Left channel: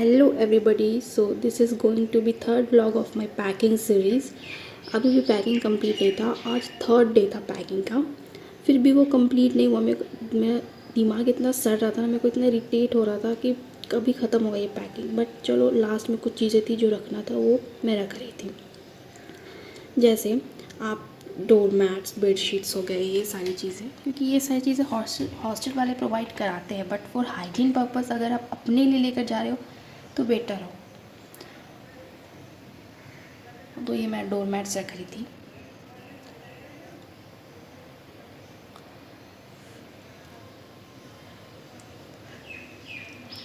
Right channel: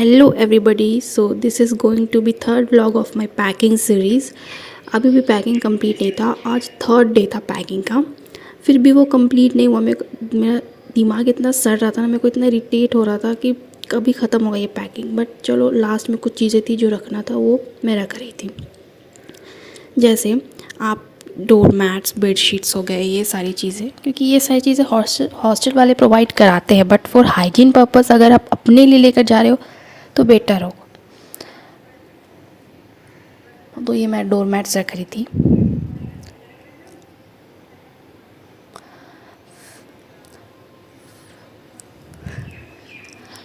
Hello everybody, so this is going to be third vlog of my packing series. अभी भी packing complete नहीं था, आज third day था पैकिंग का। फिर भी वो कंप्लीट नहीं हुआ। मेरा दिमाग इतना सड़ रहा था ना, मेरे को इतना इरिटेट हो रहा था कि कभी ख़त्म होगा ये पैकिंग। बट चलो, लास्ट में कुछ चीज़ें थी जो रखना था, वो मैं रख रही थी। जैसे आप डोर मैट्स, बेड शीट्स हो गए, ये सारी चीज़ें, क्योंकि ये सारी चीज़ें हॉस्टल वाले प्रोवाइड कराते हैं। बट फॉर हाइजीन पर्पस अगर आप अपने लिए लेकर जा रहे हो तो बेटर हो। तो ये मैं डोर मैट्स रख रही थी।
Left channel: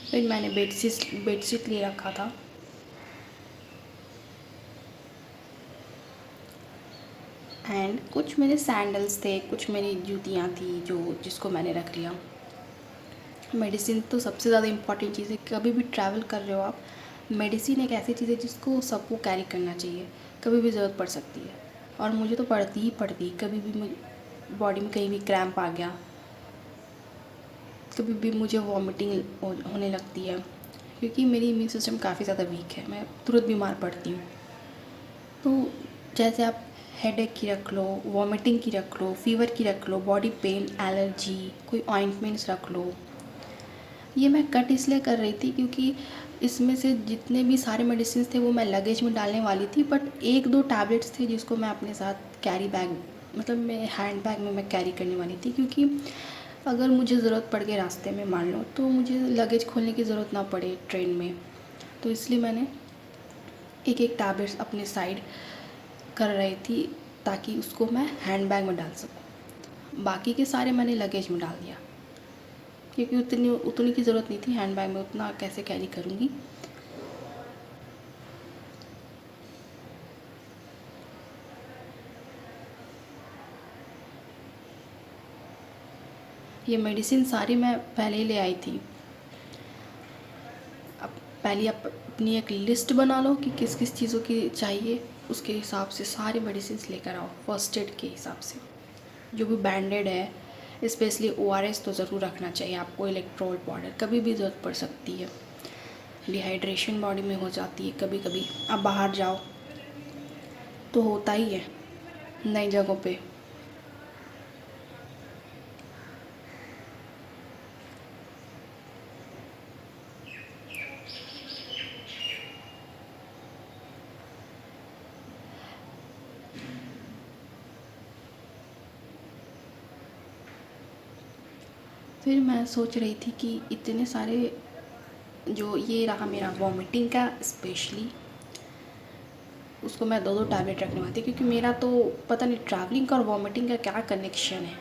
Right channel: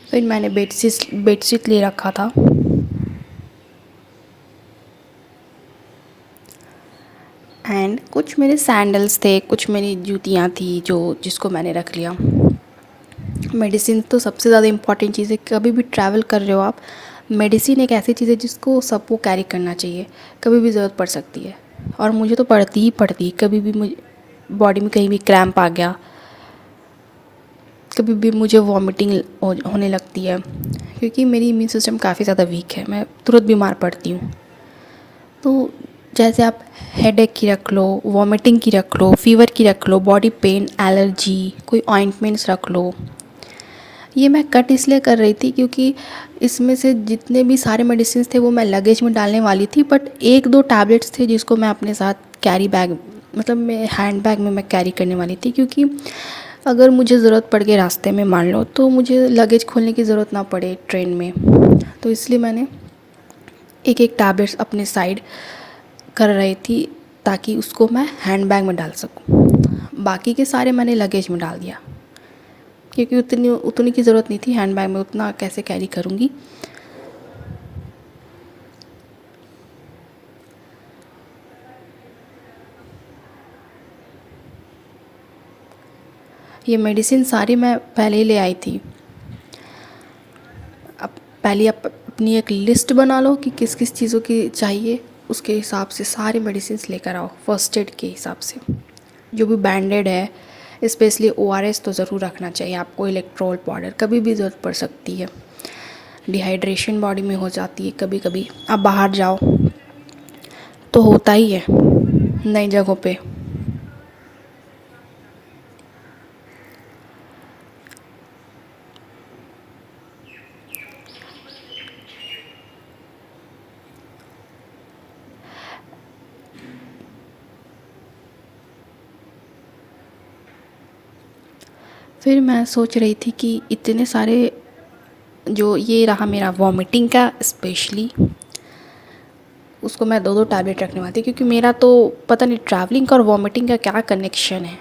फिर मैंने बेडशीट ले रखा था। एंड कुछ मेरे सैंडल्स थे, कुछ मेरी जूतियाँ थी जिसको मैंने रख लिया। मेडिसिन तो सबसे ज़्यादा इम्पॉर्टेंट चीज़ है। कभी भी ट्रैवल कर रहे हो आप, मेडिसिन एक ऐसी चीज़ है जिसको सबको कैरी करना चाहिए। कभी भी ज़रूरत पड़ सकती है, और मुझे तो पड़ती ही पड़ती। कभी भी मुझे बॉडी में कहीं भी क्रैम्प आ गया, कभी भी मुझे वॉमिटिंग होने लगती है, क्योंकि मेरी इम्यून सिस्टम काफ़ी ज़्यादा वीक है, मैं तुरंत बीमार पड़ती हूँ। तो जैसे आप हेडेक की रख लो, वॉमिटिंग की रख लो, फीवर की रख लो, बॉडी पेन, एलर्जी, कोई ऑइंटमेंट्स रख लो। ये मैं कट इसलिए कर रही थी क्योंकि इसमें से जितने भी सारे मेडिसिन थे वो मैं लगेज में डालने वाली थी। बट एक दो टैबलेट्स थे जिसको मैं अपने साथ कैरी बैग, मतलब मैं हैंड बैग में मैं कैरी करने वाली थी, क्योंकि अगर मुझे ज़रूरत पड़ गई रास्ते में, मान लो, तो मुझे लगेज खोलने की ज़रूरत ना पड़े ट्रेन में। तो इसलिए मैंने एक एक टैबलेट्स अपने साइड कर रही थी, ताकि उसको मैं हैंड बैग में डाल सकूं। बाकी के सारे मैंने लगेज में डाल दिया, क्योंकि उतनी की ज़रूरत नहीं थी। हैंड बैग में उतना कैसे कैरी करूँगी। ये मेडिसिन सारी मैं पहले ही ले आई थी। अब पहले आप अपनी एक लिस्ट बना लो कि किस किस चीज़ों की चाहिए, उसके हिसाब से सारी मेडिसिन लेकर आओ। फर्स्ट एड के हिसाब से जो भी बैंडेड है, स्पेशली ORS तो ज़रूर रखना चाहिए आपको। इलेक्ट्रोल पाउडर, कभी भी ज़रूरत पड़ सकती है। डिहाइड्रेशन बॉडी में हो जाती है कभी कभी। आप बाहर जाओ तो होता ही है नई जगहों पे। फिर मैं सोच रही थी कि इतने सारे, जो ये रहा मेरा वॉमिटिंग का स्पेशली, उसको मैं दो दो टैबलेट रखने वाली थी, क्योंकि मेरा तो पता नहीं ट्रैवलिंग का और वॉमिटिंग का क्या कनेक्शन है।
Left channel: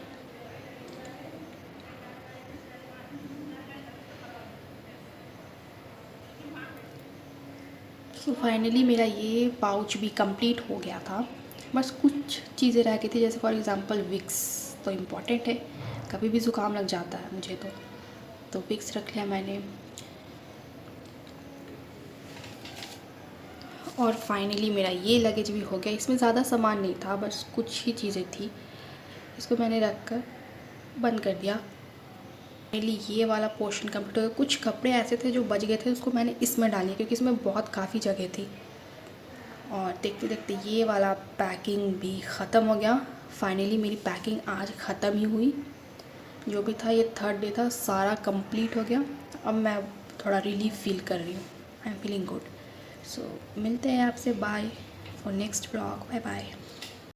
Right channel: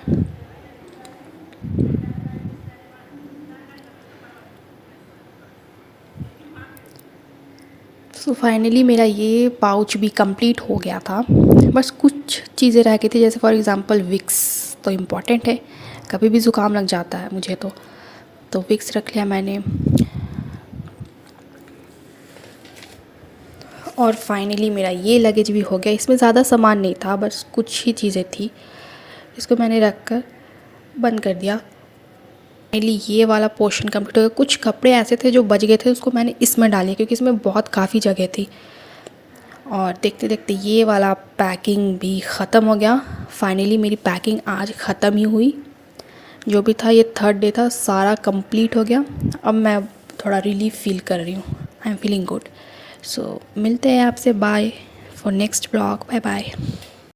सो फाइनली मेरा ये पाउच भी कंप्लीट हो गया था। बस कुछ चीज़ें रह गई थी, जैसे फॉर एग्ज़ाम्पल विक्स तो इम्पॉर्टेंट है, कभी भी ज़ुकाम लग जाता है मुझे तो विक्स रख लिया मैंने। और फाइनली मेरा ये लगेज भी हो गया। इसमें ज़्यादा सामान नहीं था, बस कुछ ही चीज़ें थी, इसको मैंने रख कर बंद कर दिया। फाइनली ये वाला पोर्शन कंप्लीट हो गया। कुछ कपड़े ऐसे थे जो बच गए थे, उसको मैंने इसमें डाले, क्योंकि इसमें बहुत काफ़ी जगह थी। और देखते देखते ये वाला पैकिंग भी ख़त्म हो गया। फाइनली मेरी पैकिंग आज ख़त्म ही हुई। जो भी था, ये थर्ड डे था, सारा कंप्लीट हो गया। अब मैं थोड़ा रिलीफ फील कर रही हूँ। I am feeling good. So मिलते हैं आपसे। Bye for next blog. Bye bye.